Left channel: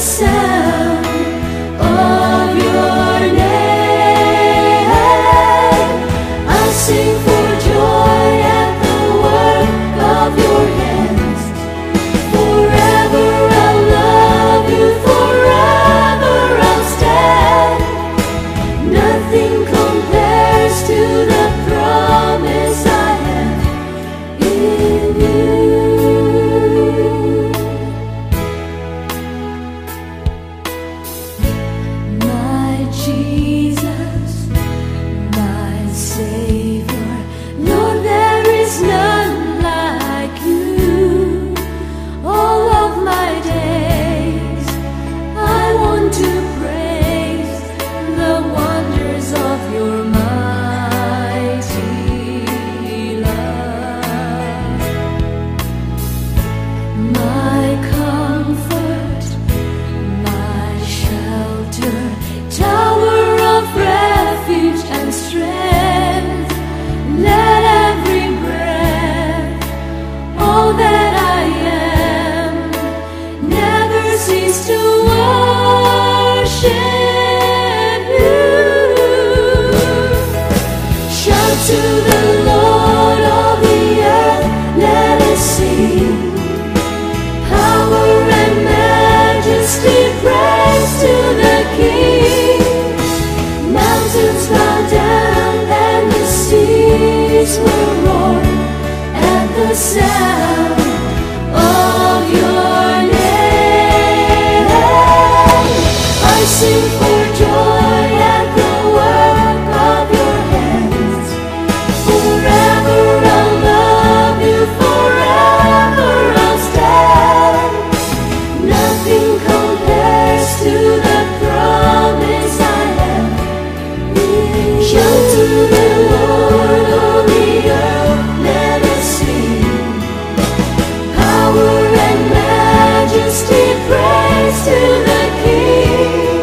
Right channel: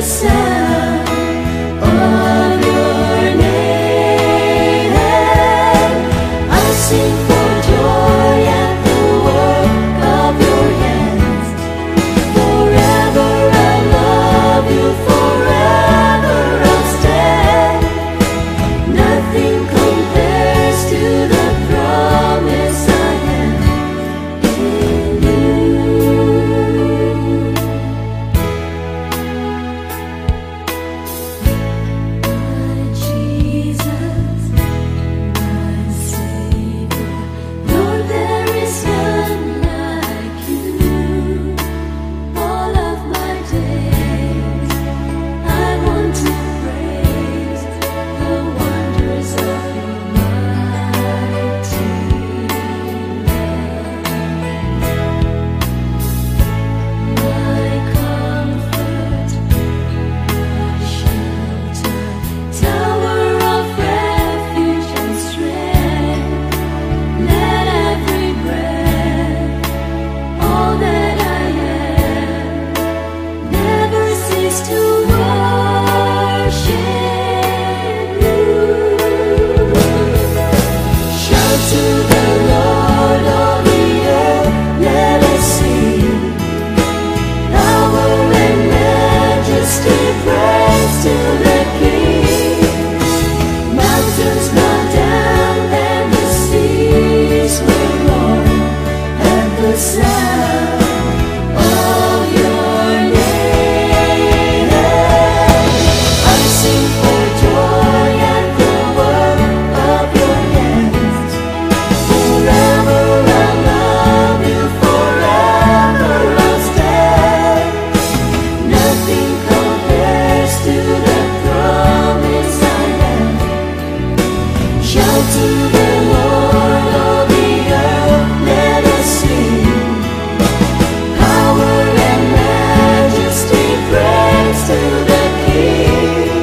sound of your name. I sing for joy at the work of your hands. Forever I'll love you, forever I'll stand. Nothing compares to the promise I have in you. My Jesus, my Savior, Lord, there is none like you. All of my days I want to praise the wonders of your mighty love. My comfort, my shelter, tower of refuge and strength. Let every breath, all that I am, never cease to worship you. Shout to the Lord, all the earth, let us sing. Power and majesty, praise to the King. Mountains bow down and the seas will roar at the sound of your name. I sing for joy at the work of your hands. Forever I'll love you, forever I'll stand. Nothing compares to the promise I have. Shout to the Lord, all the earth, let us sing. Power and majesty, praise to the King.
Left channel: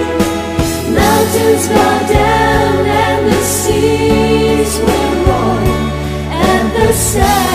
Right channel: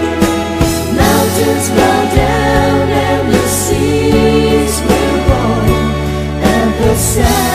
Mountains bow down and the seas will roar at the sound